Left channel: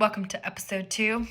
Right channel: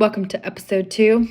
Welcome to episode 2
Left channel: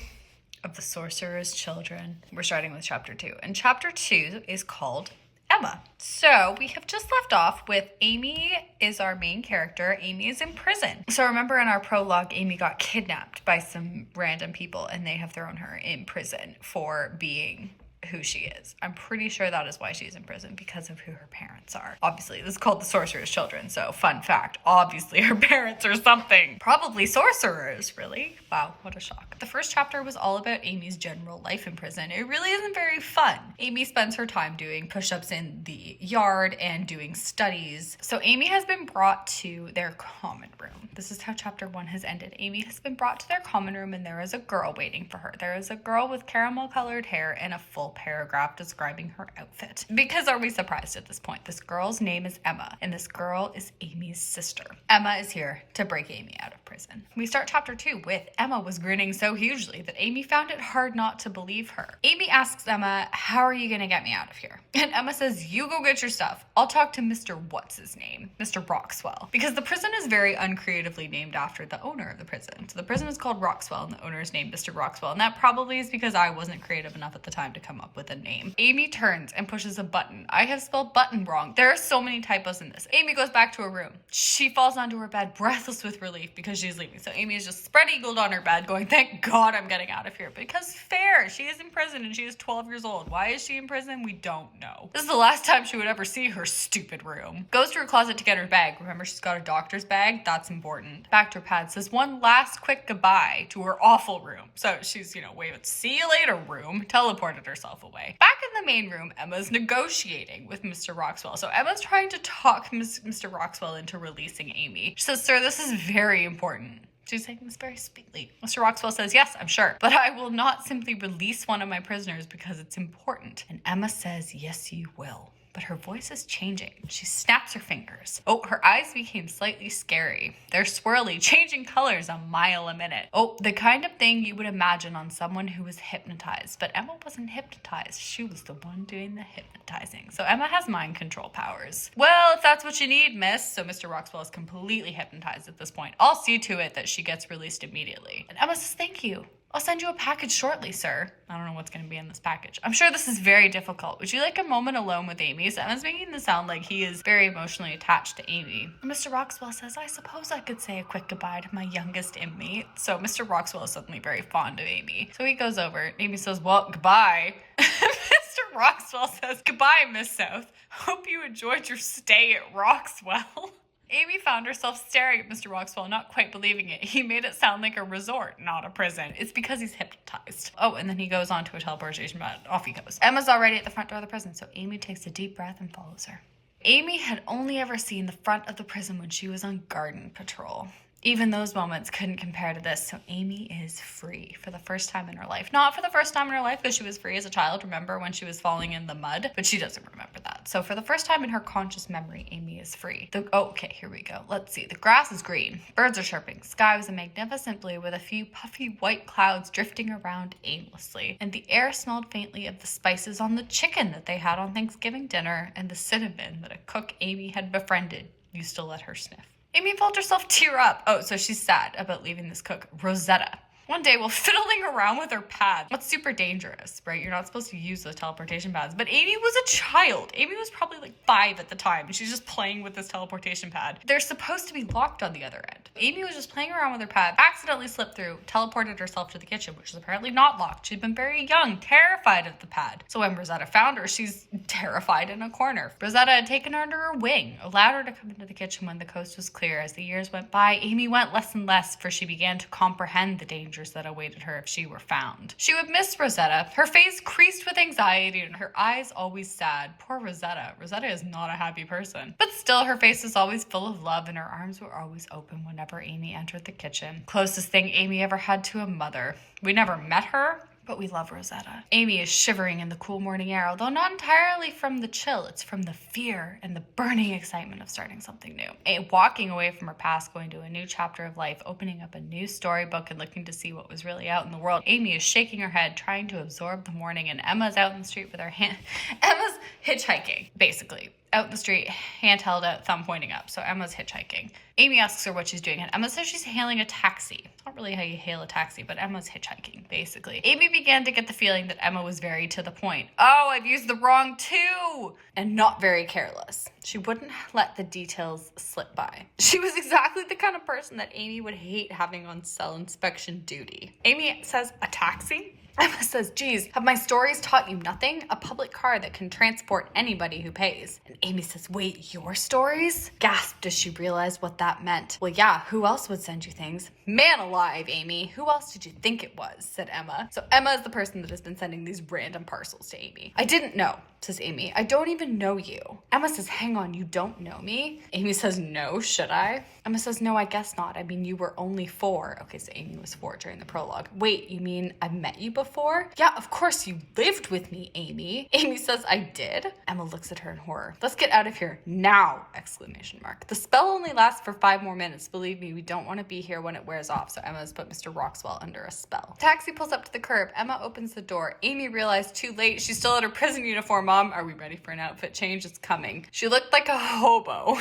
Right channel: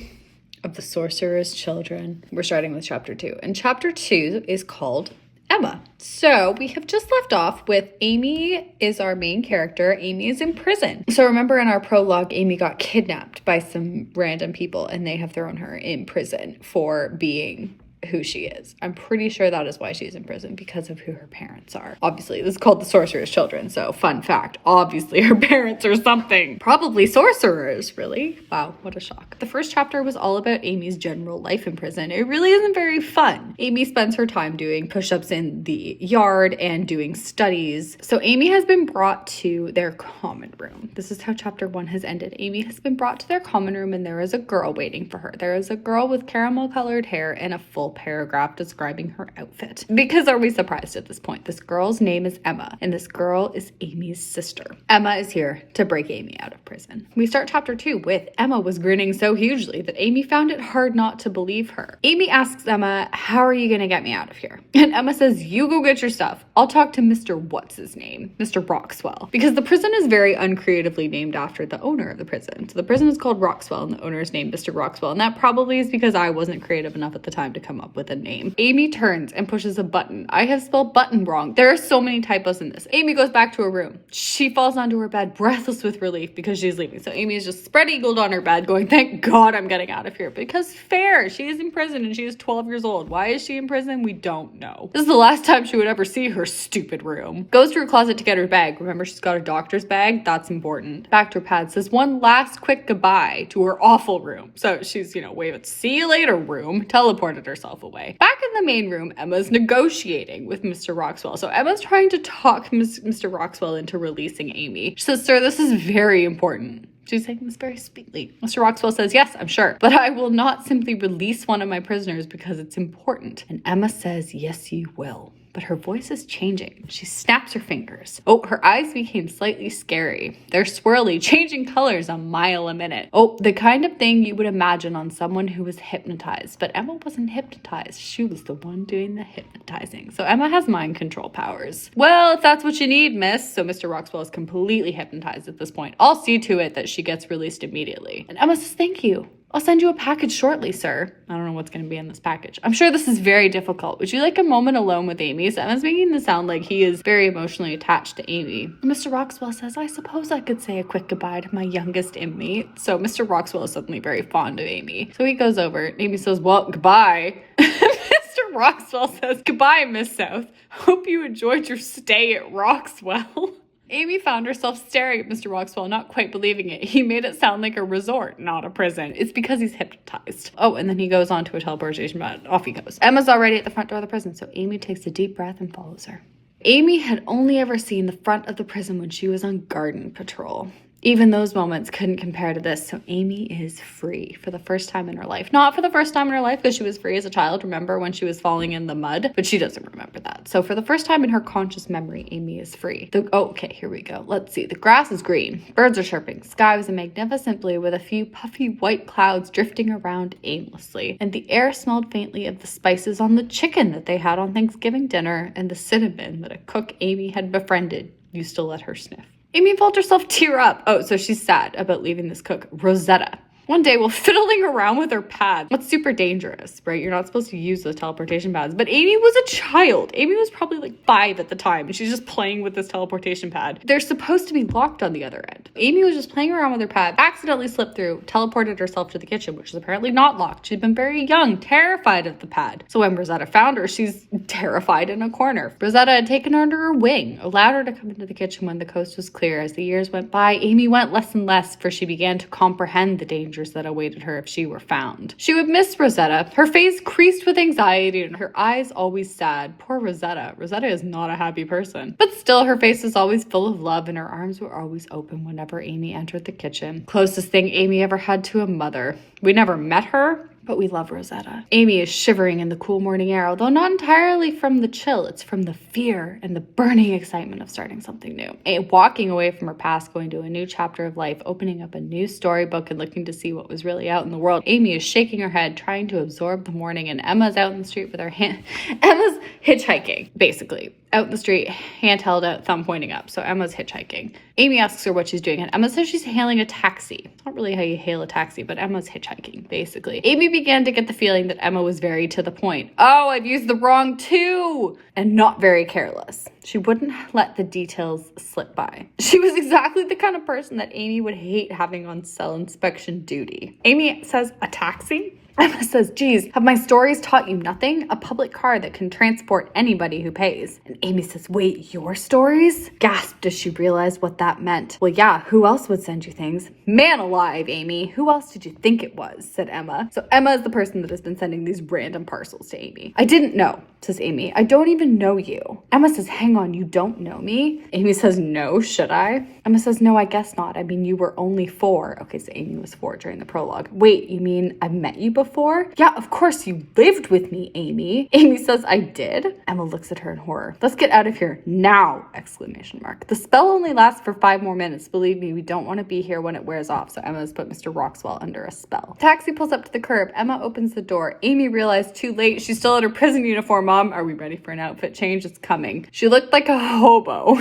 of The Sorcerer's Children. We're starting with chapter 2. And chapter 2 is called Emma. So we have just left off with Amy is our main character. Amy is in prison. So remember in our prologue, Amy got kidnapped by some random people and they have thrown her in prison for being who she is. I'm pretty sure that is why she's in prison, because of who her parents are. Obviously, this is called The Sorcerer's Children, so fun fact, obviously her parents are something. Probably sorcerers, really? Wow, what a shock. The first chapter was all about Amy's general life in prison. It really isn't very fun. Amy spends her time doing push-ups in the yard and doing studies. So Amy has been brought to their common room. This is how chapter 1 has ended. Amy has been brought to their common room and there is a girl waiting for her. There is a girl with caramel colored hair and a full paragraph describing her outfit. Because are we surprised at this point? This girl's name is Emma, and this girl is Amy's sister. Emma is here to break Amy out of prison. We start chapter 2 with Emma was grinning so hugely that Amy found it hard not to believe her. Amy asks Emma, "How are you gonna get me out of here?" And Emma says, "You go get your stuff. I'll talk to Mr. What's his name? Mr. Roxwell." Because the prison is very uncreatively named after the owner of the prison. So the prison is called Roxwell and the owner is named Mr. Roxwell. And that probably is because I wasn't creative enough at the time to come up with a name. Amy turns and pushes a button. I have spelled button wrong. There are so many typos in this. Amy goes back to her room. She falls onto her bed, breathless with relief because she's leaving. So Amy is just spread-eagled on her bed going, "Thank God I'm getting out of here." Because fair, she is in prison and she is 12 years old. Why is she in prison? We don't know. This is the last time she would ever see her stupid room. Goes to her closet to get her bag. Remember, she's got a doctor's bag. That's important. Back to her pad. Says one last quick goodbye to her awful room. So she's, wave see you later room. Teleported herself away. Back in the main room, Emma's negotiating with Mr. Roxwell. So Emma's trying to talk Mr. Roxwell into releasing Amy. She says, "Sir, this is very important." She's saying this very sweetly. Mr. Roxwell says, "Yes, I'm sure, but I will not simply release one of my prisoners because it's important." And Emma says, "Yes, you will." But her voice is changing. She snaps her fingers. Oh, her eyes became slightly scary. They're swirly, changing colors a mile a minute. Oh, the kind of thing you would imagine on someone who was hypnotized. But Emma wasn't hypnotized. She was the one doing the hypnotizing. So Emma has mind control powers. "Well, if that's what you need, miss." So Mr. Roxwell is completely hypnotized at this point. "I'll see to it that she gets released immediately." And Emma says, "Thank you. I'll send you a package shortly, sir." I don't know what's going to be in this package. "I'm sure this is very difficult. Would you like a moment alone with Amy?" So Emma's making this sound like he is very emotionally attached to Amy. Mr. Roxwell says, "I suppose I could say a quick goodbye to my youngest inmate." So Mr. Roxwell is suddenly very fond of Amy. So he goes over. Amy says, "Well, goodbye." Mr. Roxwell says, "Goodbye, Miss South. Hope you enjoyed your stay at Roxwell." Amy found herself staring at Mr. Roxwell, not quite believing it. He made it sound like a resort, not a prison. It's because he's hypnotized. Oh, and then he goes on to a teleportation bed. Off he goes. Emma's already at the front door of the prison, so Amy takes a deep breath and follows her. Amy had only ever seen the front of the prison when she was on garden patrol. Even those moments couldn't compare to this, so Amy is free for the first time in her life. Not for the first time in her life, because she was free as a child, remember, when she was falling in the mud, but she doesn't remember that. So for the first time in her conscious memory, Amy is free. Okay, here we go. Let's see. The grass is green. Birds are chirping. Sky was a magnificent blue with a few puffy white clouds drifting around aimlessly. And the air smelled faintly of the spices on the chicken that they had on Thanksgiving dinner and the cinnamon that a cook Amy had befriended used to let her sniff. Amy felt herself tear up. Oh, so she's sad about leaving this cook, Rosetta. One day while fiddling around with her pad. That's super dangerous, right? You're not supposed to use those teleportation pads. But Amy was a child. Amy was probably like 5 at the time, and she's just playing with this teleportation pad. They're supposed to be locked on the other end. Amy was just playing around with her pad, accidentally slipped through, teleported herself to the kitchen, which is apparently not locked. She'd been very young, terrified of the pad. So when Rosetta found her, she's terrified in a corner. Rosetta had taken her under her wing, allowed her to come into the kitchen when the coast was clear. As the years went by, Amy went less and less, for she began to comprehend the dangers that awaited her if she were found. She would miss Rosetta. Her face creased with anxiety and her eyes always sad. Poor Rosetta. Rosetta is not a happy person. But still, her face was always full of love and her arms were always open whenever Amy entered the kitchen. Closest thing Amy ever had to a mother. We never met her, but we love Rosetta. Amy is shivering in the cool morning air, although not entirely from the chill. It's from the fear and the burning excitement of starting something new. Walking away from her past, going to a new chapter of life, opening up a new storybook and looking to see what was really out in the world. Amy is shaking her head, trying to absorb the morning, and Emma's out in the street with her hand. Emma's hitchhiking, basically. out in the street, hand held out, thumb pointing up. So Emma's hitchhiking. Amy asks her what she's doing, and Emma says she's hailing a taxi. Not really how you hail a taxi, but Emma's hitchhiking, basically. Amy began to get the feeling that Emma was very to the point. Oh, I've used the wrong two! And not very careless. She wouldn't let the details slip by. She was exactly the kind of person that Amy would hate having on cell inspection duty. Amy says, a taxi? Emma says, geez, have my stories taught you nothing? A public car that can transport anybody who pays. And Amy says, wait, your stories? Gasped as she realized what that meant. Well, yeah, who else would send you things? Man alive, Amy. Who else did you think it was? Said Emma. So Emma is the person that has been sending these random parcels to Amy. I didn't know, says Amy. I don't even know you. Emma says, hang on, you don't know me? Amy says, no, should I? Emma says, no, I guess not. I mean, you were only 4. Okay, so Amy was 4 during the prologue. Wait, you mean I met you before? Yeah, of course you lived with me, Amy. Amy says, I did? Emma looks at her in horror. Let's get out of here now! Exclamation mark. The spell only lasts for 5 more minutes. Believe me, we don't want to be here when it wears off. So Emma has put Mr. Roxwell under a spell. Taxi pulls up to the curb. Emma opens the door. Amy realized too late. She's still in her prison uniform. Mom, are we ready for an outfit change? It's coming. She looked like a hobo.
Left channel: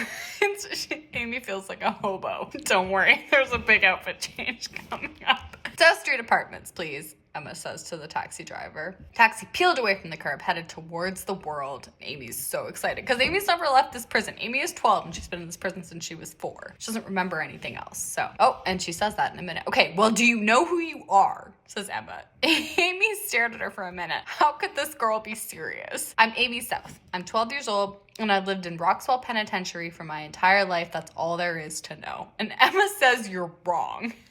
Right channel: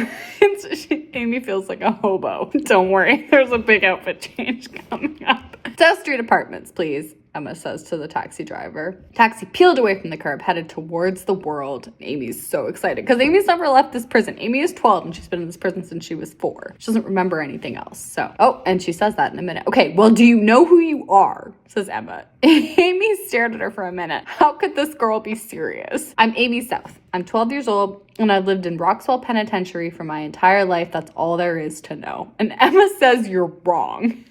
Amy feels like a hobo. Don't worry, there's a big outfit change coming up. South Street Apartments, please, Emma says to the taxi driver. Taxi peeled away from the curb, headed towards the world. Amy's so excited because Amy's never left this prison. Amy is 12 and she's been in this prison since she was 4. She doesn't remember anything else. So, oh, and she says that in a minute. Okay, well, do you know who you are? Says Emma. Amy stared at her for a minute. How could this girl be serious? I'm Amy South. I'm 12 years old and I've lived in Roxwell Penitentiary for my entire life. That's all there is to know. And Emma says you're wrong.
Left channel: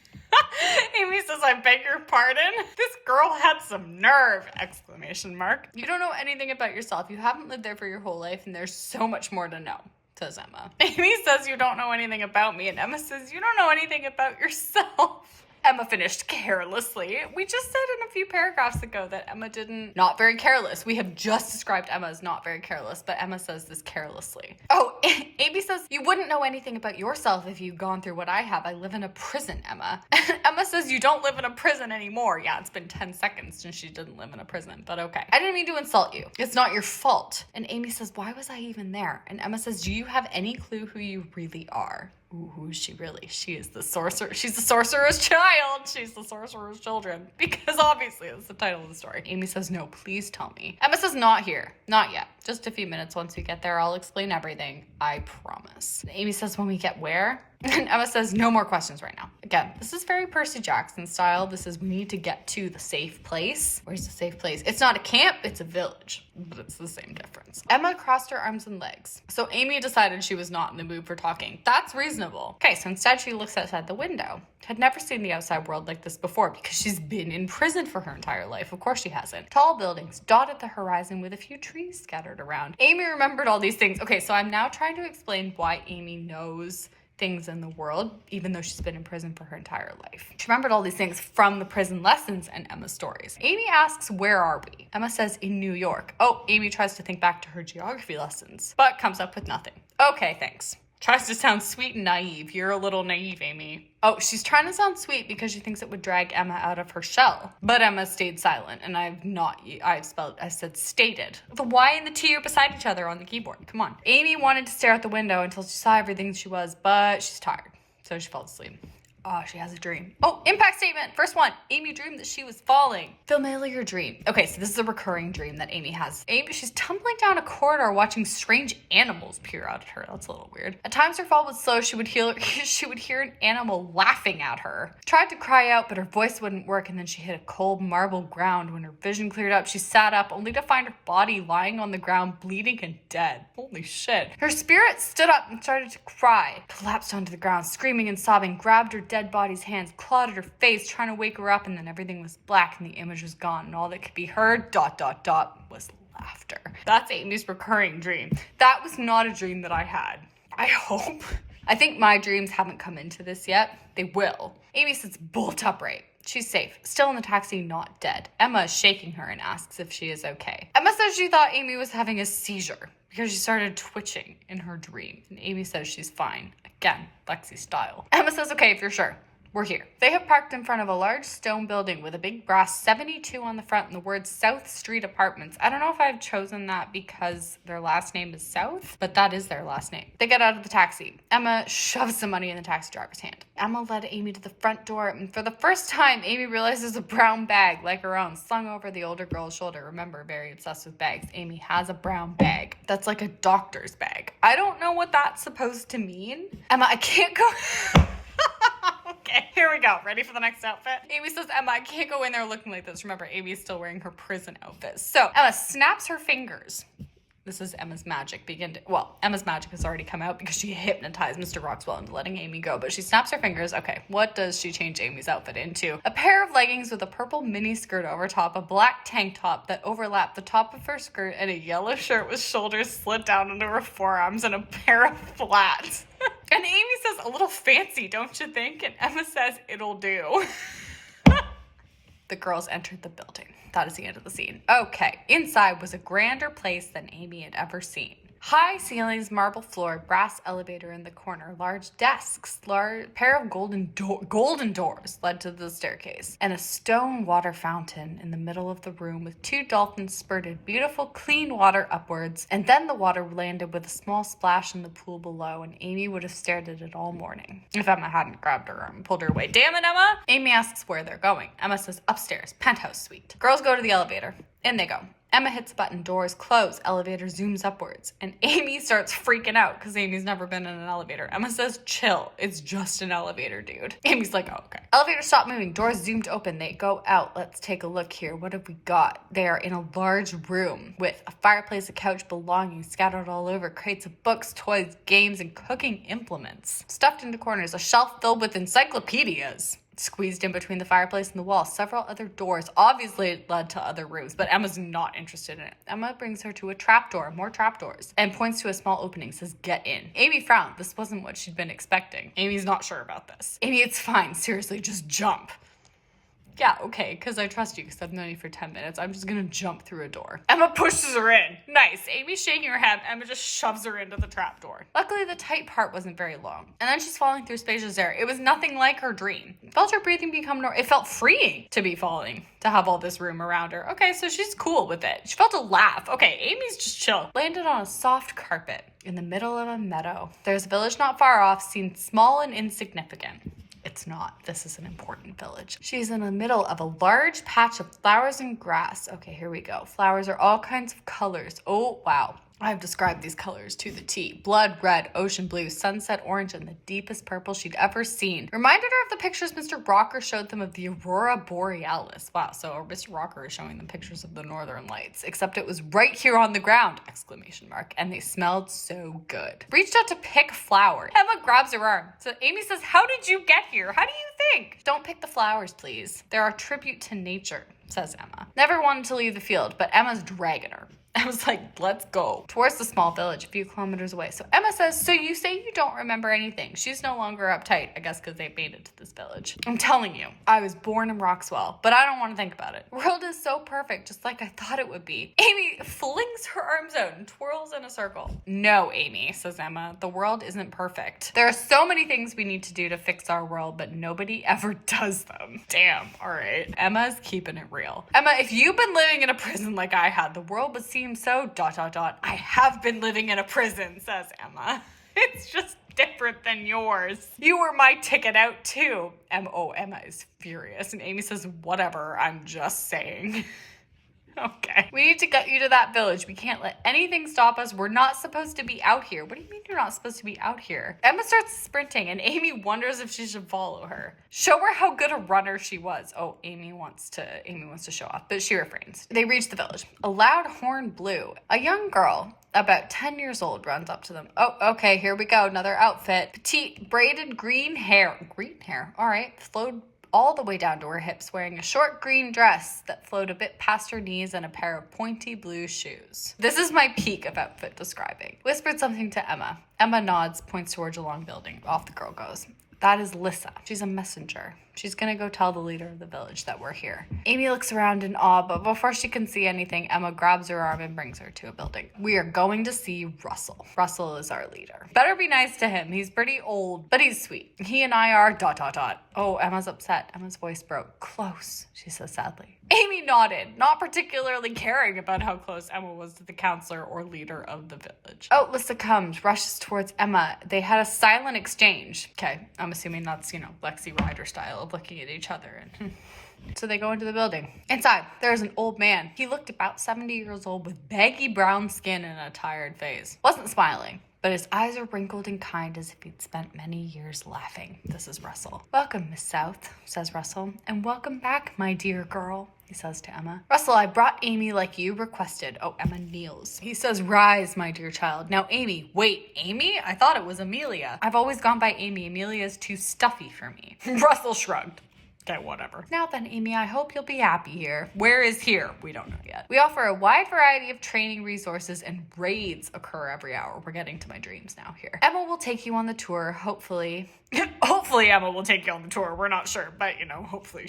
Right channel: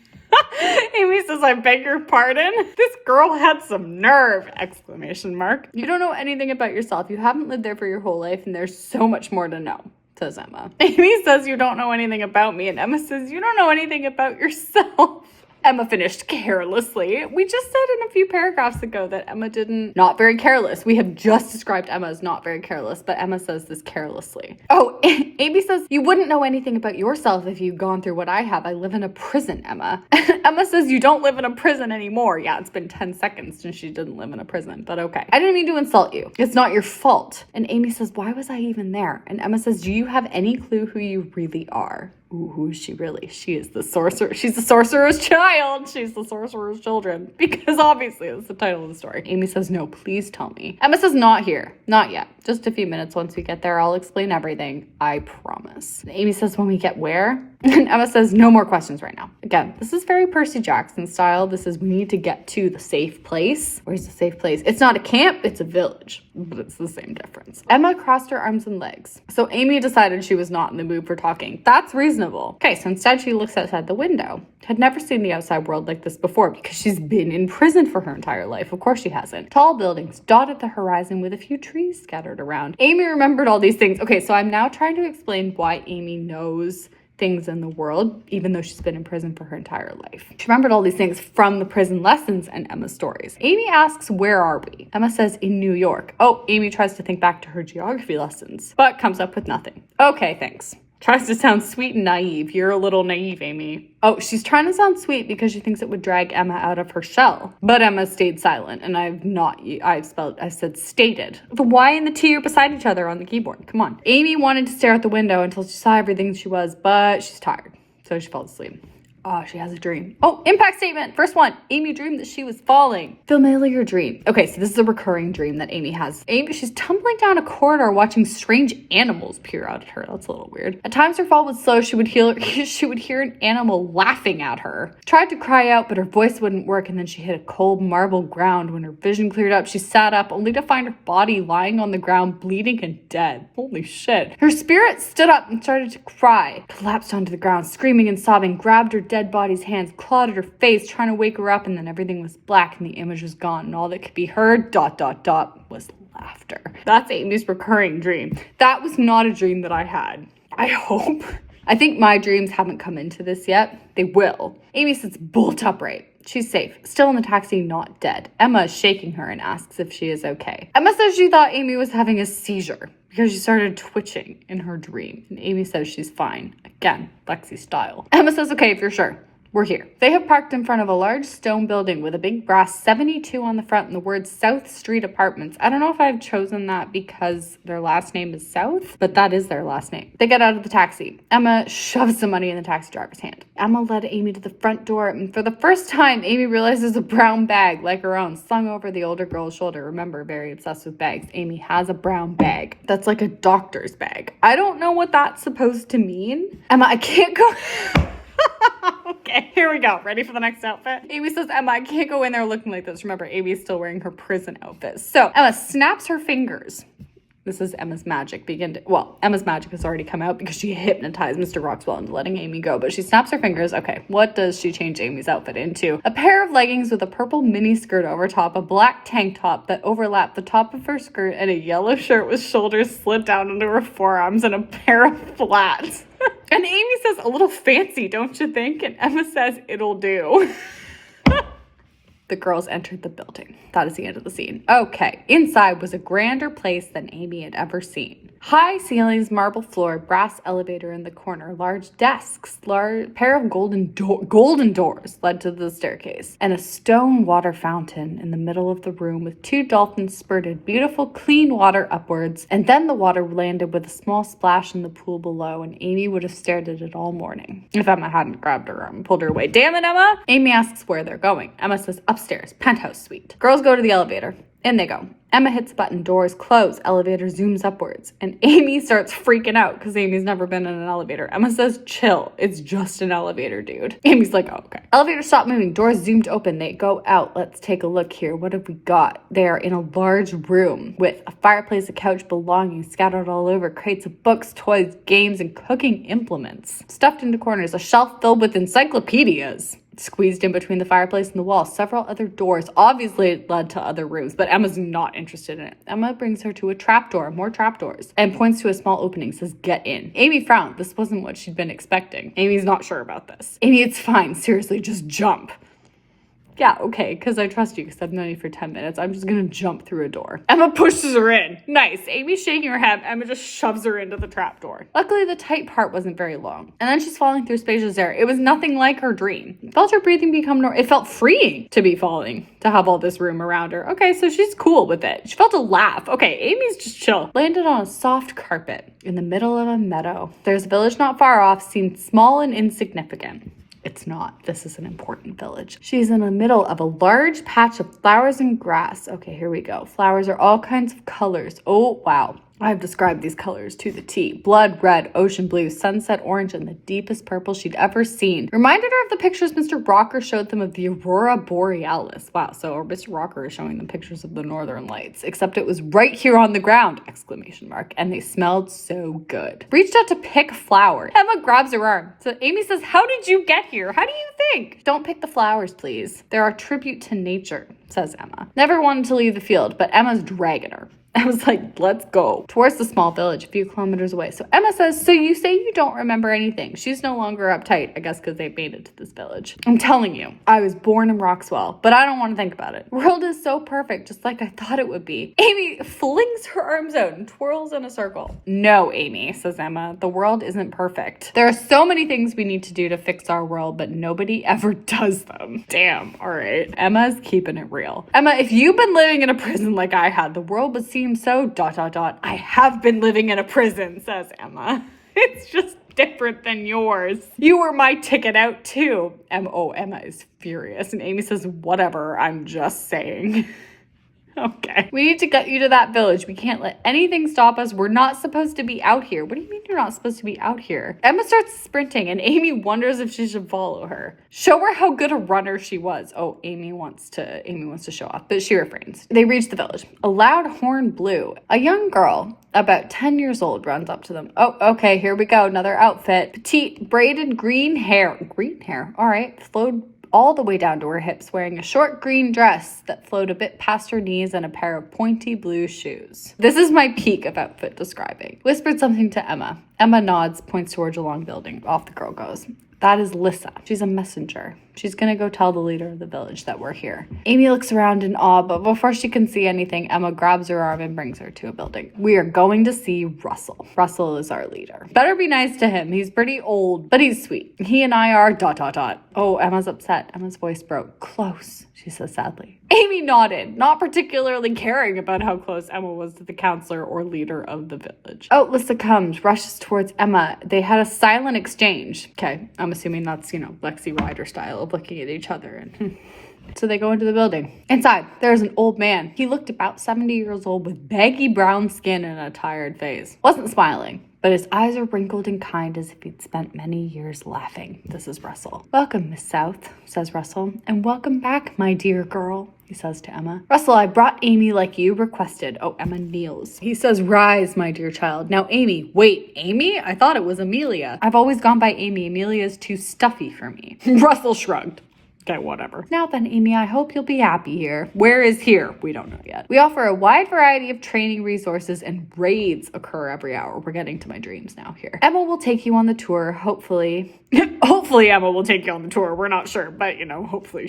Amy says, I beg your pardon? This girl had some nerve! Exclamation mark. You don't know anything about yourself. You haven't lived there for your whole life and there's so much more to know, says Emma. Amy says, you don't know anything about me. And Emma says, you don't know anything about yourself. Emma finished carelessly. We just said in a few paragraphs ago that Emma not very careless. We have just described Emma as not very careless, but Emma says this carelessly. Oh, Amy says, you wouldn't know anything about yourself if you'd gone through what I have. I live in a prison, Emma. Emma says, you don't live in a prison anymore. Yeah, it's been 10 seconds since she didn't live in a prison, but okay. I didn't mean to insult you. It's not your fault. And Amy says, why was I even there? And Emma says, do you have any clue who you really are? Ooh, who is she really? She is the sorcerer. She's the sorcerer's child. She's the sorcerer's children. Because obviously that's the title of the story. Amy says, no, please tell me. Emma says, not here. Not yet. Just a few minutes. Once we get there, I'll explain everything. I promise. And Amy says, when we get where? And Emma says, no more questions right now. Again, this is very Percy Jackson style. This is, we need to get to the safe place. Where's the safe place? It's not a camp, it's a village. But it's the same difference. Emma crossed her arms and legs. So Amy decided she was not in the mood for talking. That's reasonable. Okay, so instead she looks outside the window. Had never seen the outside world like this before because she's been in prison for her entire life. Of course she hasn't. Tall buildings dotted the horizon with a few trees scattered around. Amy remembered all these things. Okay, so I'm now trying to explain why Amy knows things in the world, even though she's been in prison for her entire life. She remembered all these things from the prison lessons and Emma's stories. Amy asks, where are we? Emma says, in New York. Oh, Amy tries to think back to her geography lessons, but comes up with nothing. Okay, thanks. Tries to sound sweet and naive. You're a little naive, Amy. Oh, she's trying to sound sweet because she thinks it would drag Emma out of her shell. But Emma stayed silent, and I said stated. The Y and the T are beside each other on the keyboard. Come on. Amy wanted to stare out the window until she saw everything she was, but she's tired. So she fell asleep. Oh, she has a dream. Oh, impact statement. First one. Amy dreamed that she was falling. Familiar dream. Okay, so this is a recurring dream that Amy has. She's tumbling down a corridor watching strange animals peer out at her. That's a little weird. At times her fall was slow. She would hear an animal laughing at her. Tried to cry out, but her voice wouldn't work, and then she hit a cold marble ground. When her vision cleared up, she sat up only to find her body lying on the ground, bleeding and dead. Holy shit. Her spirit stood up and started to cry. Collapsed onto the ground, screaming and sobbing, grabbed her dead body's hands, clawed at her face, trying to wake her up, and then everything was black and the image was gone, and all that could be heard, ... was laughter. That's Amy's recurring dream. That was not a dream that I had. I hope. I think my dreams haven't come into this yet. They will. Amy sits bolt upright. She's safe, still in the taxi, not dead. Emma is shaking her and asks if she is okay. Emma says she thought Amy was having a seizure because she started twitching in her dream. And Amy says she's fine. Again, Lexi style. Emma says, okay, if you're sure. We're here. They have parked in front of a large stone building with a big brass 72 on the front and the words South Street Apartments. I don't know if I've chosen that because their last name is South, but that is their last name. They get out of the taxi. Emma shoves the money in the taxi driver's hand. Emma led Amy to the front door, and for the first time, Amy realizes a brown bag, like her own, slung over the older girl's shoulder. Remember, very obsessed with bags. Amy has a brown bag. That's like a doctor's bag. I don't know what that's supposed to mean. Emma, I can't go... Okay, here we go. Ready for the next outfit? Amy says, Emma, I can't go in there looking like this. Remember, Amy's still wearing her prison outfit. So Emma snaps her fingers. This is Emma's magic. Emma's magic has already come out because she hypnotized Mr. Roxwell into letting Amy go, but she snaps her fingers. Okay, what does she change Amy's outfit into? A pair of leggings with a purple mini skirt over top, a black tank top that overlapped the top of her skirt, and a yellow shirt with shoulders slid down into her forearms, and a pair of flats. And Amy says, a little fancy, don't you think? And Emma says, it'll do. The girls entered the building. That is the end of the scene. Okay, inside was a grander place than Amy had ever seen. High ceilings, marble floor, brass elevator in the corner, large desks, pair of golden doors led to the staircase, and a stone water fountain in the middle of the room with two dolphins spurted beautiful, clean water upwards, and then the water landed with a small splash in the pool below, and Amy would have stared at it all morning if Emma hadn't grabbed her arm and pulled her away. Damn it, Emma! Amy asks where they're going. Emma says, upstairs, penthouse suite. Girls go to the elevator. In they go. Emma hits button, doors close, elevator zooms upwards, and Amy starts freaking out because Amy's never been in an elevator. Emma says, chill, it's just an elevator, dude. Amy's like, oh, okay. Elevator stopped moving, doors zoomed open, they go out. Let's take a look here. What have we got? They are in a large room with a fireplace, a couch, belongings scattered all over, crates of books, toys, games, and cooking implements. Stuffed into corners, a shelf filled with encyclopedias. Squeezed in between the fireplace and the wall, several other doors. Obviously it led to other rooms, but Emma's not interested in it. Emma brings her to a trapdoor, more trapdoors, and points to a small opening, says, get in. Amy frowned. This wasn't what she'd been expecting. Amy's not sure about this. Amy, it's fine. Seriously, just jump. Yeah, okay, because I trust you, because I've known you for 10 minutes. I'm just going to jump through a door. Emma pushes her in. Nice. Amy's shaking her head. Emma just shoves her into the trapdoor. Luckily, the tight part wasn't very long. And then she's falling through spacious air. It was nothing like her dream. It felt her breathing become normal. It felt freeing to be falling, to have all this room around her. Okay, so she's cool with it. She felt a laugh. Okay, Amy's just chill. Landed on a soft carpet in the middle of a meadow. There's a village not far off, seemed small and insignificant. It's not. This is an important village. She's in the middle of a large patch of flowers and grass. Okay, here we go. Flowers are all kinds of colors. Oh, wow. I've described these colors to the T. Blood red, ocean blue, sunset orange, and the deepest purple she'd ever seen. Reminded her of the pictures Mr. Rocker showed them of the Aurora Borealis. Wow, so Mr. Rocker is showing them pictures of the Northern Lights, except it was right here on the ground, exclamation mark, and they smelled so good. Reached out to pick a flower. Emma grabs her arm. So Amy says, how did you get here? How do you think? Don't pick the flowers, please. They're our tribute to nature, says Emma. Never wanted to leave the field, but Emma's dragging her. I was like, let's go. Towards the small village, a few kilometers away. So Emma says, so you say you don't remember anything. She's no longer uptight, I guess because they made it to this village. I'm telling you, I was born in Roxwell, but I don't want to think about it. The world is so perfect, just like I thought it would be. Amy flings her arms out and twirls in a circle. No, Amy, says Emma, the world isn't perfect. There are so many things we need to do to fix our world, but nobody ever does them. Damn, all right. Emma's keeping it real. Emma, if you've been living in a prison like I had, the world would seem so ... I have been living in a prison, says Emma. It's just different than yours. You were my ticket out too. Emma is furious. And Amy says, whatever, I'm just saying. Okay. We need to get you to that village. We can't let anything stop us. We're not supposed to be out here. What do you mean you're not supposed to be out here? Emma starts sprinting and Amy wonders if she should follow her. Show her how good a runner she was. Oh, Amy wants to show off, but she refrains. They reach the village. A loud horn blew. A young girl, about 10 years old, runs up to them. Oh, okay, here we go. Another outfit. Petite, braided green hair. Green hair? All right. Flowed all the way down to her hips, wearing a short green dress that flowed a bit past her knees and a pair of pointy blue shoes. This is my peak of outfit describing. Whispered something to Emma. Emma nods, points towards a long building. Off the girl goes. That is Lissa. She's a messenger. She's gonna go tell the leader of the village that we're here. Amy looks around in awe, but before she can see anything, Emma grabs her arm and brings her to a building. We are going to see Russell. Russell is our leader. Better be nice to him. He's pretty old, but he's sweet. He and I are ... Oh, Emma's upset. Emma's voice broke. Close, she says sadly. Amy nodded, not particularly caring about how close Emma was to the counselor or leader of the village. Oh, Lissa comes, rushes towards Emma. They had a silent exchange. Okay, I'm assuming that's, Lexi Rider style of looking at each other. And so they go into the building. Inside, there's an old man. He looked about 70 years old with baggy brown skin and a tired face. Wasn't smiling, but his eyes are wrinkled and kind as if he'd spent many years laughing. This is Russell. Welcome, Miss South, says Russell. And welcome back, my dear girl, he says to Emma. Russell, I brought Amy like you requested. Oh, Emma kneels. He says, rise, my dear child. Now, Amy. Wait, Amy? I thought it was Amelia. I've always gone by Amy. Amelia's too stuffy for me. Russell shrugged. Okay, whatever. Now then, Amy, I hope you'll be happy here. Where is here? We don't know yet. We offer a wide variety of training resources and raids occur every hour. We're getting to my dreams now here. Emma will take you on the tour, hopefully. Hopefully Emma will take you on the tour. We're not sure, but hopefully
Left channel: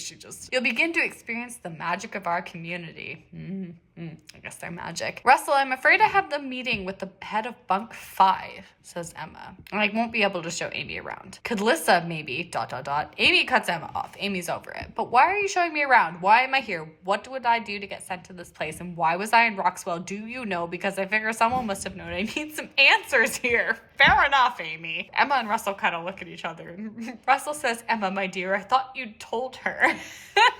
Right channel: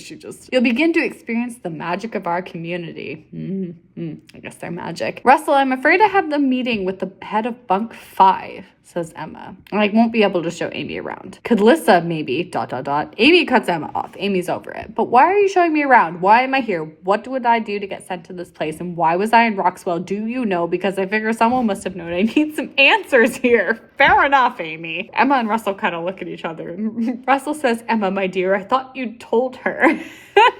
you'll begin to experience the magic of our community. I guess they're magic. Russell, I'm afraid I have the meeting with the head of bunk 5, says Emma. I won't be able to show Amy around. Could Lissa maybe, ... Amy cuts Emma off. Amy's over it. But why are you showing me around? Why am I here? What would I do to get sent to this place? And why was I in Roxwell? Do you know? Because I figure someone must have known. I need some answers here. Fair enough, Amy. Emma and Russell kind of look at each other. Russell says, Emma, my dear, I thought you'd told her.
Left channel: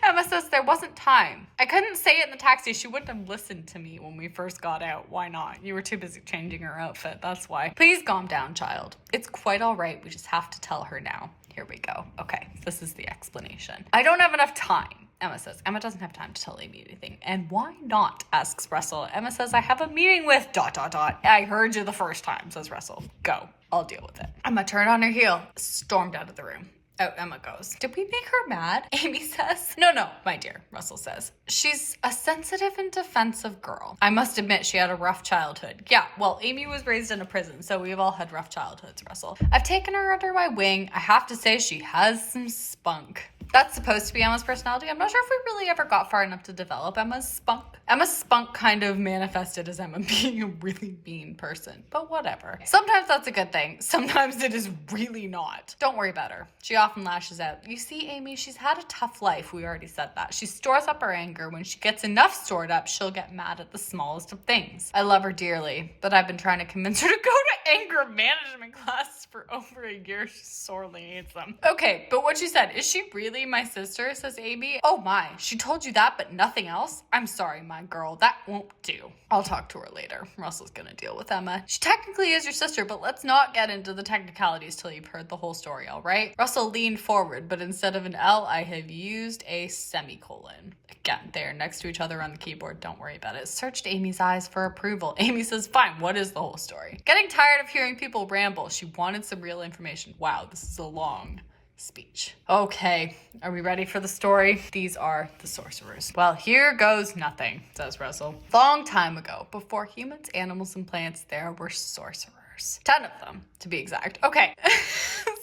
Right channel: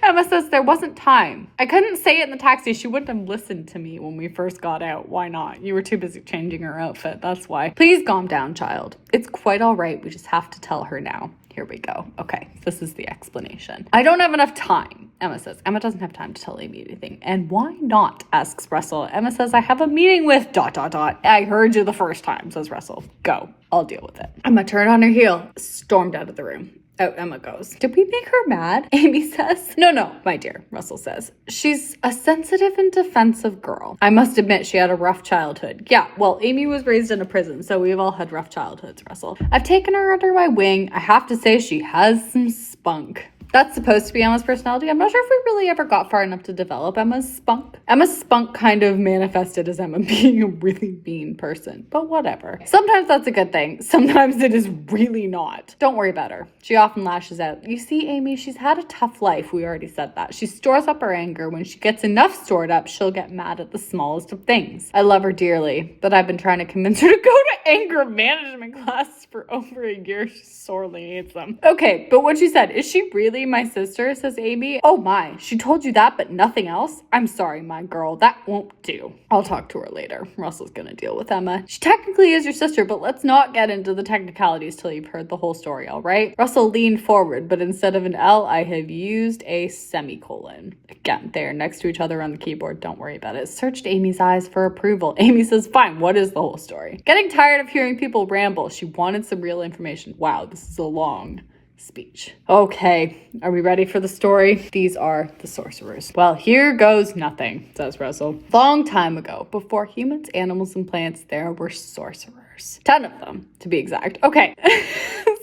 Emma says there wasn't time. I couldn't say it in the taxi. She wouldn't have listened to me when we first got out. Why not? You were too busy changing her outfit. That's why. Please calm down, child. It's quite all right. We just have to tell her now. Here we go. Okay, this is the explanation. I don't have enough time, Emma says. Emma doesn't have time to tell Amy anything. And why not, asks Russell. Emma says, I have a meeting with ... I heard you the first time, says Russell. Go. I'll deal with it. Emma turned on her heel, stormed out of the room. Out Emma goes. Did we make her mad? Amy says. No, my dear, Russell says. She's a sensitive and defensive girl. I must admit she had a rough childhood. Yeah, well, Amy was raised in a prison, so we've all had rough childhoods, Russell. I've taken her under my wing. I have to say she has some spunk. That's supposed to be Emma's personality. I'm not sure if we really ever got far enough to develop Emma's spunk. Emma's spunk kind of manifested as Emma being a really mean person, but whatever. Sometimes that's a good thing. Sometimes it is really not. Don't worry about her. She often lashes out. You see, Amy, she's had a tough life. We already said that. She stores up her anger. When she gets enough stored up, she'll get mad at the smallest of things. I love her dearly, but I've been trying to convince her to go to anger management classes for over a year. She sorely needs them. Okay, but what she said, is she really my sister, says Amy. Oh my, she told you that but nothing else? I'm sorry, my girl, that won't do. I'll talk to her later. Russell's gonna deal with Emma. She technically is your sister, but let's not get into the technicalities till you've heard the whole story, all right? Russell leaned forward, but instead of an L, I have used a semicolon. Again, they're next to each other on the keyboard. Don't worry about it. Searched Amy's eyes for approval. Amy says, fine, what is the whole story? Getting tired of hearing people ramble. She wanted some real information. Wow, this is a long speech. Okay, are we ready for the story? These are the sorcerers. Well, here goes nothing, says Russell. Long time ago, before humans, animals, and plants, there were sorcerers. 10 of them, to be exact. Okay.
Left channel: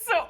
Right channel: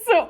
So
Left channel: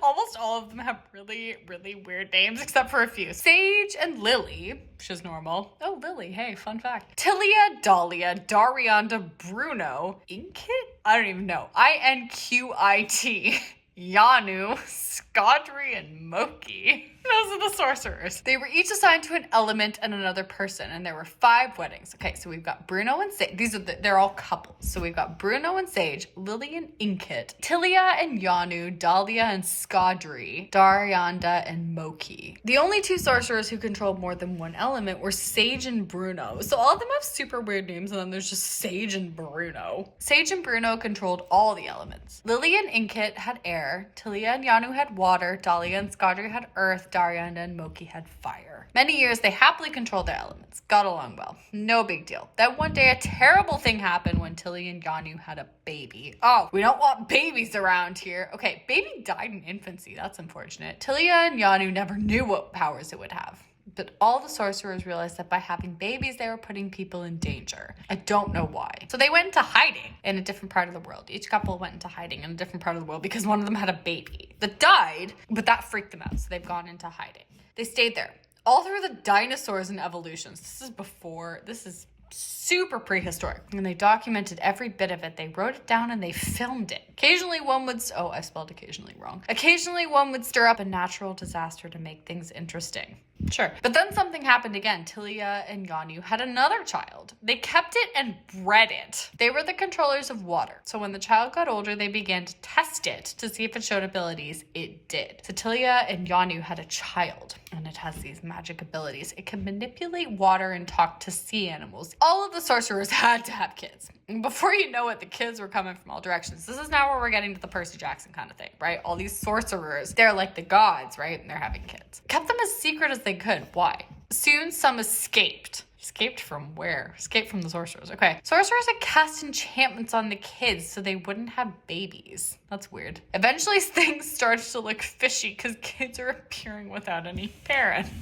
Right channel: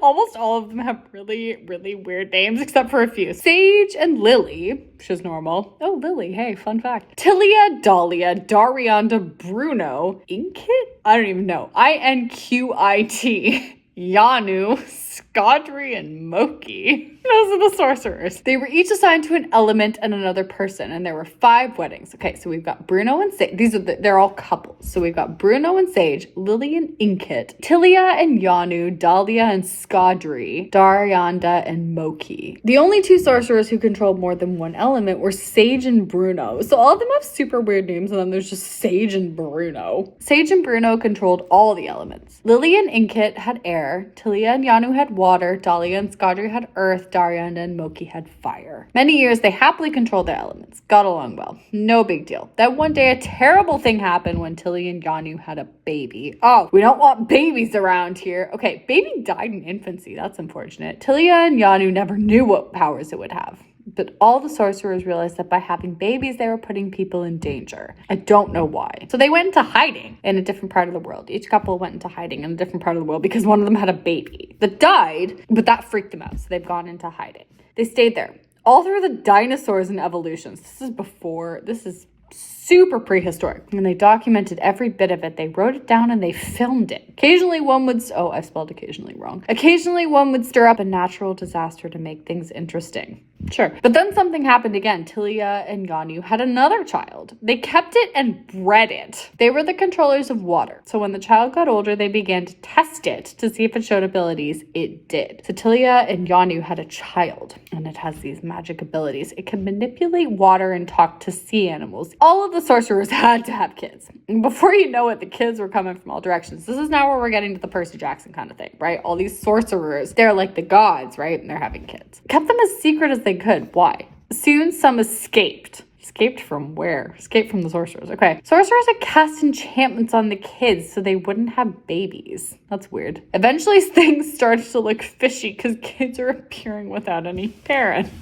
almost all of them have really, really weird names, except for a few. Sage and Lily, which is normal. Oh, Lily, hey, fun fact. Tilia, Dahlia, Darianda, Bruno, Inkit? I don't even know. Inquit. Yanu, Skodri, and Moki. Those are the sorcerers. They were each assigned to an element and another person, and there were 5 weddings. Okay, so we've got Bruno and Sage. They're all couples. So we've got Bruno and Sage, Lily and Inkit, Tilia and Yanu, Dahlia and Skodri, Darianda and Moki. The only 2 sorcerers who controlled more than one element were Sage and Bruno. So all of them have super weird names, and then there's just Sage and Bruno. Sage and Bruno controlled all the elements. Lily and Inkit had air, Tilia and Yanu had water, Dahlia and Skodri had earth, Darianda and Moki had fire. Many years they happily controlled their elements. Got along well. No big deal. Then one day a terrible thing happened when Tilly and Yanu had a baby. Oh, we don't want babies around here. Okay, baby died in infancy. That's unfortunate. Tilia and Yanu never knew what powers it would have. But all the sorcerers realized that by having babies, they were putting people in danger. I don't know why. So they went into hiding in a different part of the world. Each couple went into hiding in a different part of the world because one of them had a baby that died, but that freaked them out. So they've gone into hiding. They stayed there all through the dinosaurs and evolutions. This is super prehistoric. And they documented every bit of it. They wrote it down and they filmed it. Occasionally one would, I spelled occasionally wrong. Occasionally one would stir up a natural disaster to make things interesting. Sure. But then something happened again. Tilia and Yanu had another child. They kept it and bred it. They were the controllers of water. So when the child got older, they began to test it to see if it showed abilities. It did. So Tilia and Yanu had a child, and it has these magic abilities. It can manipulate water and talk to sea animals. All of the sorcerers had to have kids. And before you know it, the kids were coming from all directions. This is now where we're getting to the Percy Jackson kind of thing, right? All these sorcerers, they're like the gods, right? And they're having kids. Kept them as secret as they could. Why? Soon some escaped. Escaped from where? Escaped from the sorcerers. Okay. Sorcerers had cast enchantments on the kids so they wouldn't have babies. That's weird. Eventually things started to look fishy because kids are appearing without any parents.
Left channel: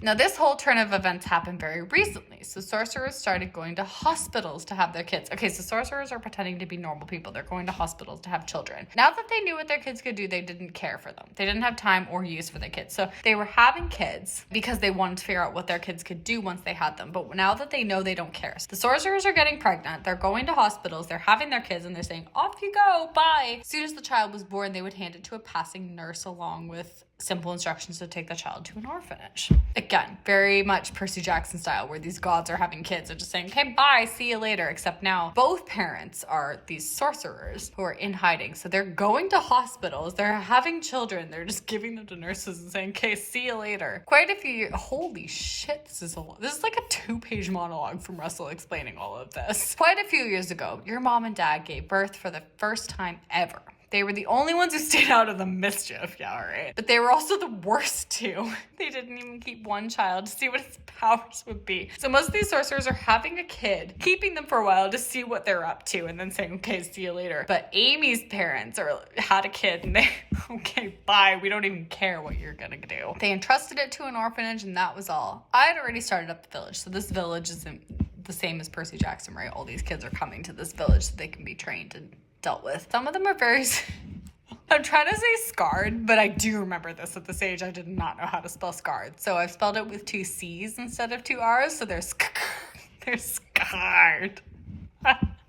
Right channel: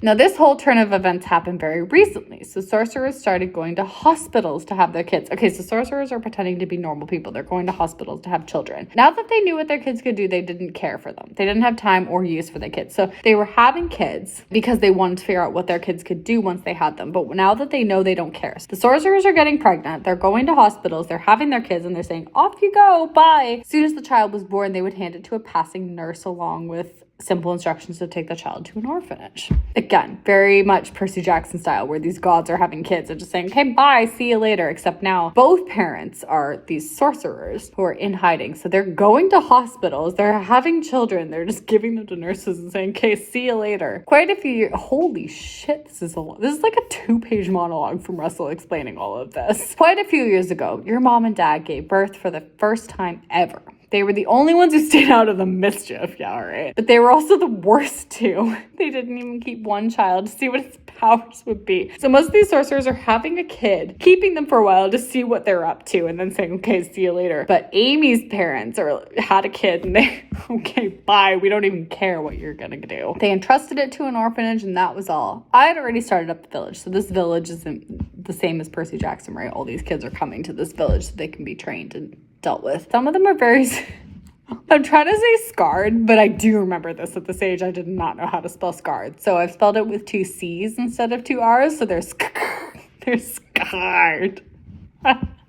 Now, this whole turn of events happened very recently. So sorcerers started going to hospitals to have their kids. Okay, so sorcerers are pretending to be normal people. They're going to hospitals to have children. Now that they knew what their kids could do, they didn't care for them. They didn't have time or use for their kids. So they were having kids because they wanted to figure out what their kids could do once they had them. But now that they know, they don't care. So the sorcerers are getting pregnant. They're going to hospitals. They're having their kids and they're saying, off you go, bye. As soon as the child was born, they would hand it to a passing nurse along with simple instructions to take the child to an orphanage. Again, very much Percy Jackson style, where these gods are having kids and just saying, okay, bye, see you later. Except now both parents are these sorcerers who are in hiding. So they're going to hospitals, they're having children, they're just giving them to nurses and saying, okay, see you later. Quite a few, holy shit, this is like a 2-page monologue from Russell explaining all of this. Quite a few years ago, your mom and dad gave birth for the first time ever. They were the only ones who stayed out of the mischief, yeah, right. But they were also the worst too. They didn't even keep one child to see what its powers would be. So most of these sorcerers are having a kid, keeping them for a while to see what they're up to, and then saying, okay, see you later. But Amy's parents had a kid, and they, okay, bye, we don't even care what you're gonna do. They entrusted it to an orphanage, and that was all. I had already started up the village, so this village isn't the same as Percy Jackson, right? All these kids are coming to this village so they can be trained and dealt with. Some of them are very I'm trying to say scarred, but I do remember this at this age. I did not know how to spell scarred, so I've spelled it with 2 C's instead of 2 R's, so they're scarred.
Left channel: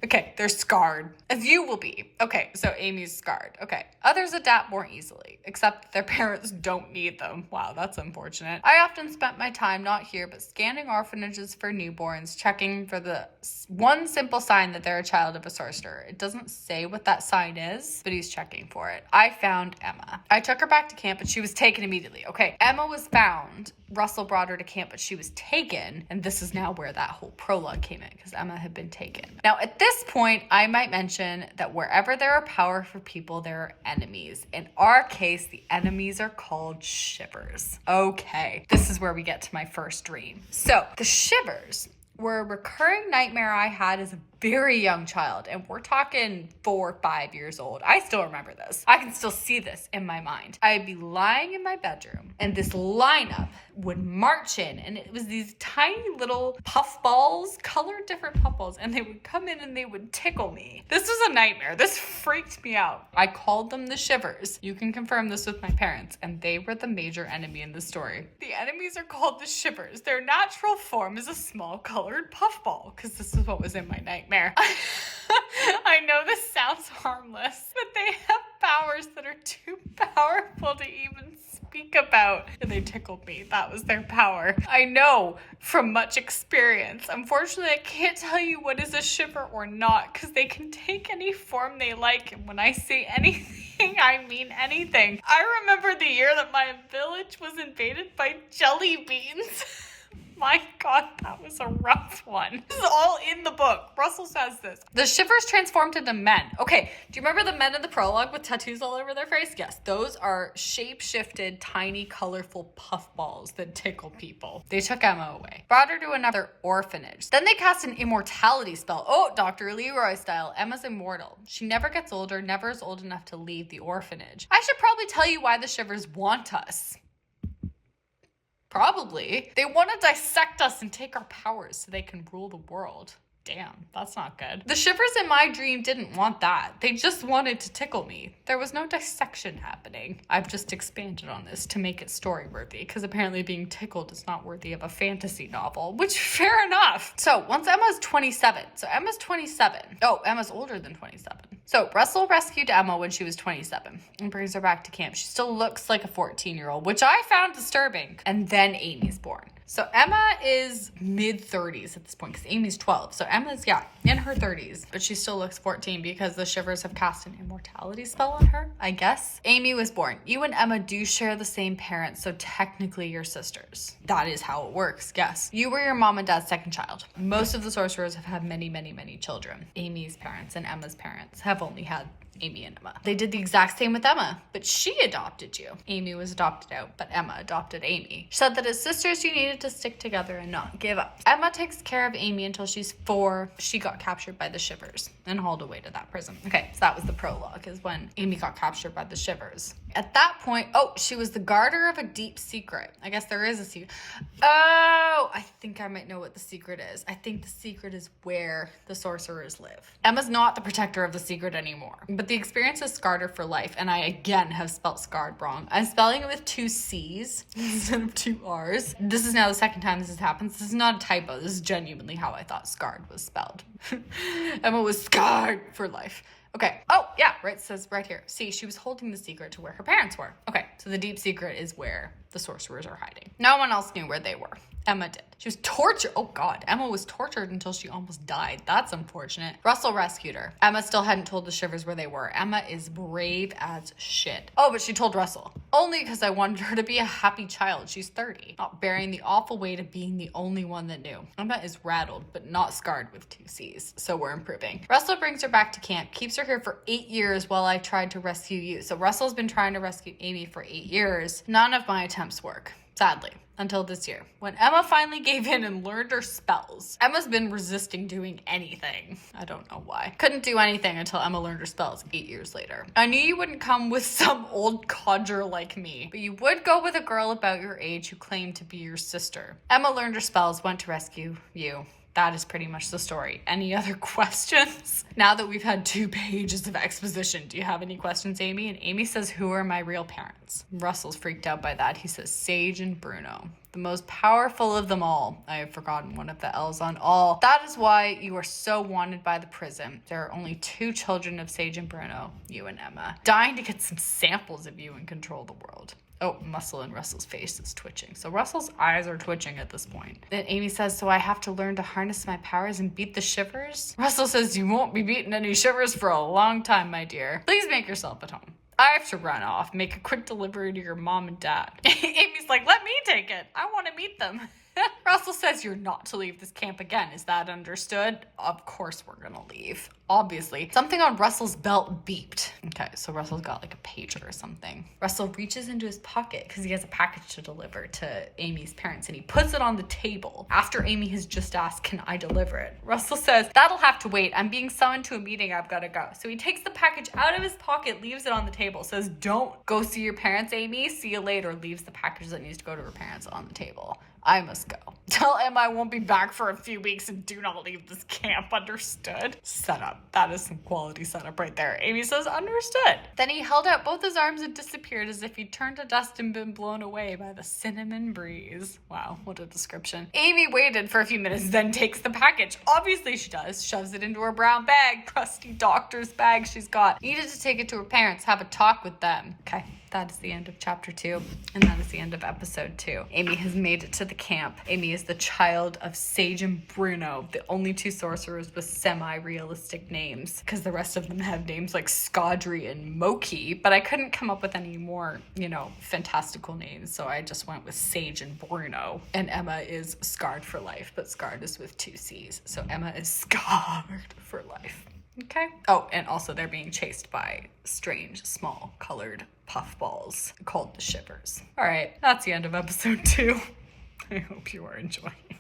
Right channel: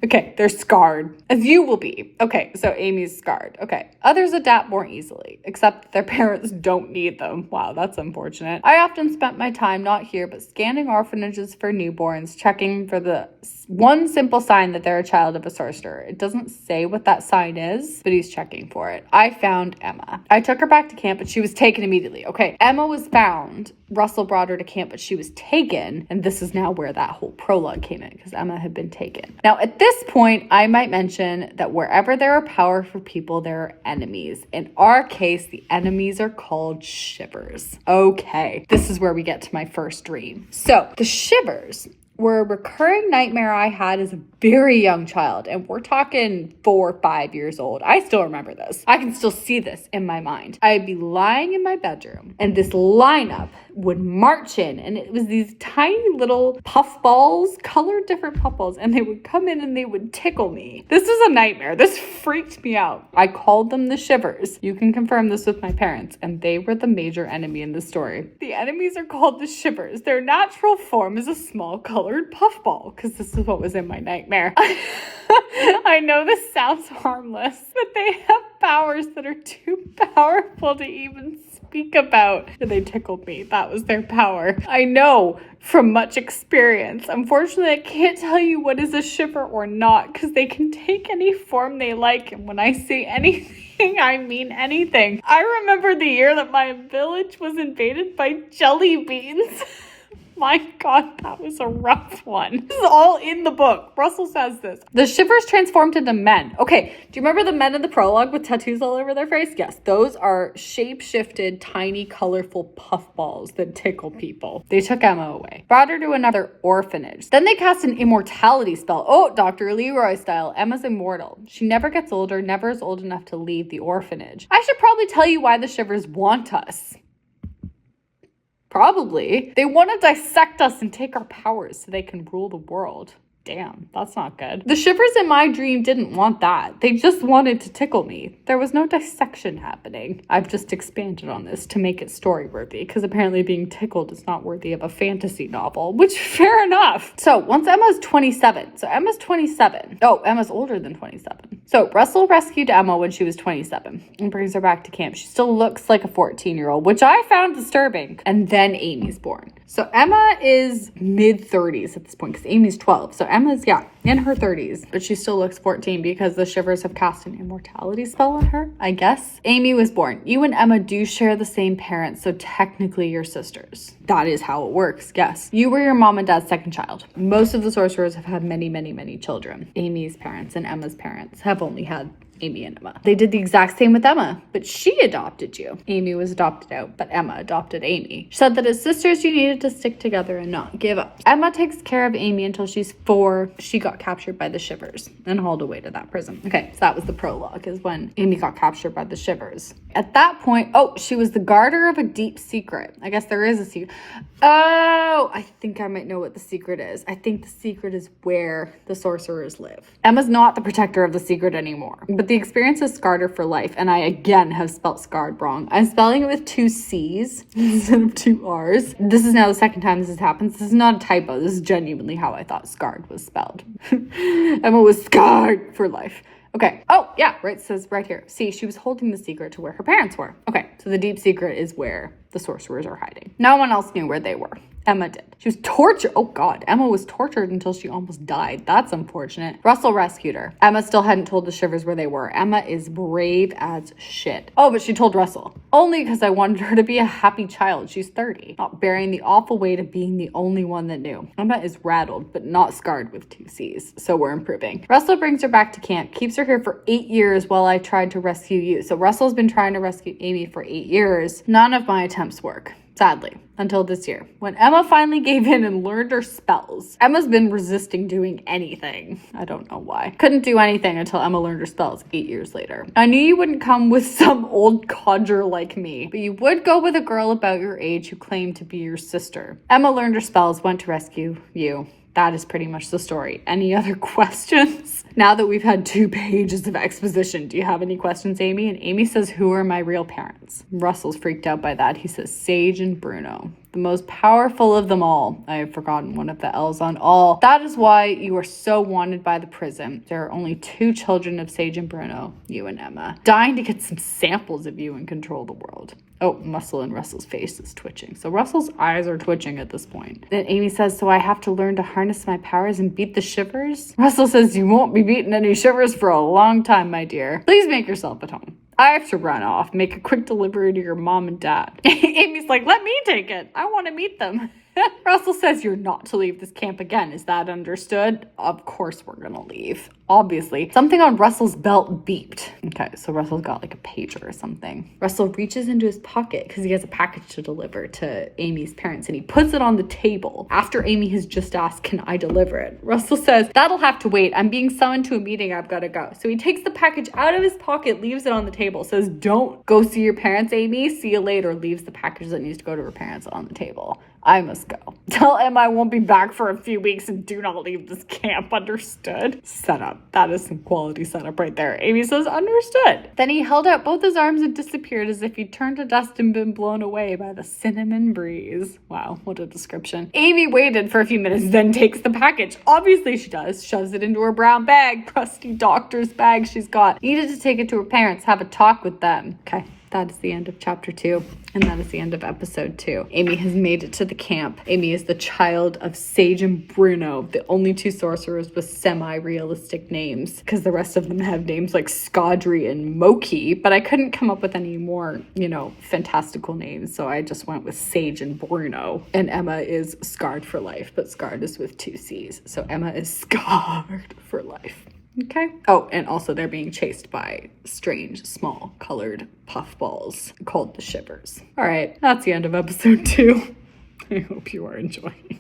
Okay, they're scarred, as you will be. Okay, so Amy's scarred. Okay, others adapt more easily, except their parents don't need them. Wow, that's unfortunate. I often spent my time not here, but scanning orphanages for newborns, checking for the one simple sign that they're a child of a sorcerer. It doesn't say what that sign is, but he's checking for it. I found Emma. I took her back to camp, but she was taken immediately. Okay, Emma was found. Russell brought her to camp, but she was taken, and this is now where that whole prologue came in, because Emma had been taken. Now, at this point, I might mention that wherever there are powerful people, there are enemies. In our case, the enemies are called shivers. Okay, this is where we get to my first dream. So, the shivers were a recurring nightmare I had as a very young child, and we're talking 4 or 5 years old. I still remember this. I can still see this in my mind. I'd be lying in my bedroom, and this lineup would march in, and it was these tiny little puff balls, colored different puff balls, and they would come in and they would tickle me. This was a nightmare. This freaked me out. I called them the shivers. You can confirm this with my parents, and they were the major enemy in the story. The enemies are called the shivers. Their natural form is a small colored puffball, because this is what was in my nightmare. I know this sounds harmless, but they have powers that are too powerful to even speak about. They tickled me. That was their power. I know from much experience. Unfortunately, I can't tell you what is a shiver or not, because they can take any form they like, and when I say anything, I mean anything. I remember the year that my village was invaded by Jellybeans. My God, that was a rough one. This is all in the book. Russell says this. The shivers transformed into men. Okay, do you remember the men in the prologue with tattoos all over their face? Yes, those are shape-shifted, tiny, colorful puffballs that tickle people. They took Emma away, brought her to another orphanage. Then they cast an immortality spell. Oh, Dr. Leroy style. Emma's immortal. She never gets older, never is old enough to leave the orphanage. I should probably tell you why the shivers want us. Probably. They want to dissect us and take our powers so they can rule the world. Damn, that's not good. The shivers in my dream didn't want that. They just wanted to tickle me. There was no dissection happening. I've just expanded on this to make it story-worthy, because apparently being tickled is not worthy of a fantasy novel, which fair enough. So once Emma's 27. So Emma's 27. Oh, Emma's older than 27. So Russell rescued Emma when she was 27 and brings her back to camp. She still looks like a 14-year-old, which I found disturbing. And then Amy's born. So Emma is mid-30s at this point because Amy's 12. So Emma's, in her 30s, but she still looks 14 because the shivers have cast an immortality spell on her, I guess. Amy was born. You and Emma do share the same parents, so technically you're sisters. That is how it works, yes. You were your mom and dad's second child. Most of the sorcerers have had many, many, many children. Amy's parents and Emma's parents have only had Amy and Emma. They did the exact same with Emma, but she adopted you. Amy was adopted out, but Emma adopted Amy. She said that as sisters, you needed to stick together and not give up. Emma takes care of Amy until she's 4. She got captured by the shivers and hauled away to that prison. Okay, so that was the prologue, is when Amy got captured by the shivers. At that point, she was the guarder of a deep secret. I guess there is a secret. Oh, I think I might know what the secret is. I think the secret is where the sorcerers live. Emma's not the protector of the secret anymore, but the experience has scarred her for life, and I again have spelt scarred wrong. I'm spelling it with 2 C's instead of 2 R's. This is now the second time this has happened. This is not a typo. This is genuinely how I thought scarred was spelled. Emma was scarred for life. Okay. Oh, yeah, right. It says right here. See, she was holding the secret to where her parents were. Okay, so the deep secret is where the sorcerers are hiding. No one else knew where they were. Emma did. She was tortured. Oh God, Emma was tortured until she almost died. That's unfortunate. Russell rescued her. Emma still hadn't told the shivers where they were. Emma is brave as shit. Oh, but she told Russell. Only because I wanted her to be a happy child. She's 30. Not bearing the awful weight of being the only one that knew. Emma is rattled, but not scarred with 2 C's. So we're improving. Russell brings her back to camp. Keeps her here for 8 years while I tried to rescue you. So Russell's been trying to rescue Amy for 8 years. None of my attempts work. Sadly, until this year, when Emma finally gave in and learned her spells. Emma's been resisting doing anything. I don't know why. Couldn't do anything until Emma learned her spells 8 years later. I knew you wouldn't come with some old codger like me, but you would go with a girl about your age who claimed to be your sister. Emma learned her spells, went to rescue you. That is pretty much the story. Any other questions? Now that we've had 2 pages of exposition, do you have any questions, Amy? And Amy says, who are my real parents? Russell's freaked out by that. He says, Sage and Bruno. The most powerful of them all. I have forgotten one of the L's on all. That is why you are so wanted by the prison. There are only 2 children of Sage and Bruno, you and Emma, dying to get some samples of you and control the world. Oh, muscle in Russell's face is twitching. So Russell's eyes are twitching at this point. Then Amy says, so I have to learn to harness my powers and beat the shivers? Russell says, you won't be beating any shivers for a long time, my dear. Please make yourself at home. I have to run off. Make a quick delivery to your mom and dad. Amy's like, let me take it. I want to meet them. Russell says you're not to leave this camp again. Is that understood? Of course we're gonna leave. Obviously. Something on Russell's belt beeped. Okay, so Russell's got like a pager or something. Russell reaches into his pocket because he has a package to deliver to Amy's parents, and he puts it on the table after Amy has just asked, can I deliver it? Russell says, that'll have to wait. I'm being summoned to a meeting. I've got to go. So he takes the package out of his pocket, leaves it on the table, says, don't go see your parents, Amy. See you later. Leaves the package that needs to go to her parents on the table. I must go. Tell Emma I won't be back for a few weeks and do not leave this camp. Understood? Setup. That is some quality setup right there. Amy says, understood. Then he held out both his arms and disappeared as if he'd turned to dust and been blown away by the cinnamon breeze. Wow, what a description. Amy waited for a few minutes, then takes the package. Obviously she does. Shoves it into her brown bag. Crusty doctor's bag she's got. Needed to take it to her parents, have a talk with them. Okay. That is the end of chapter 2, and that is the end of episode 2. Amy has made it to the camp. Amy is the child of Sage and Bruno, the only 2 sorcerers with semi-realistic names, because the rest of them have names like Scodry and Moki, but I couldn't come up with any more, fantastical names, so I just went with Sage and Bruno. And Emma is scarred for life, but scarred is with 2 C's, so Emma is scarred for life. Okay. Oh, and also they're being chased by strange, small, colored puffballs called the shivers. All right, that's the end of episode 2. I hope you are enjoying.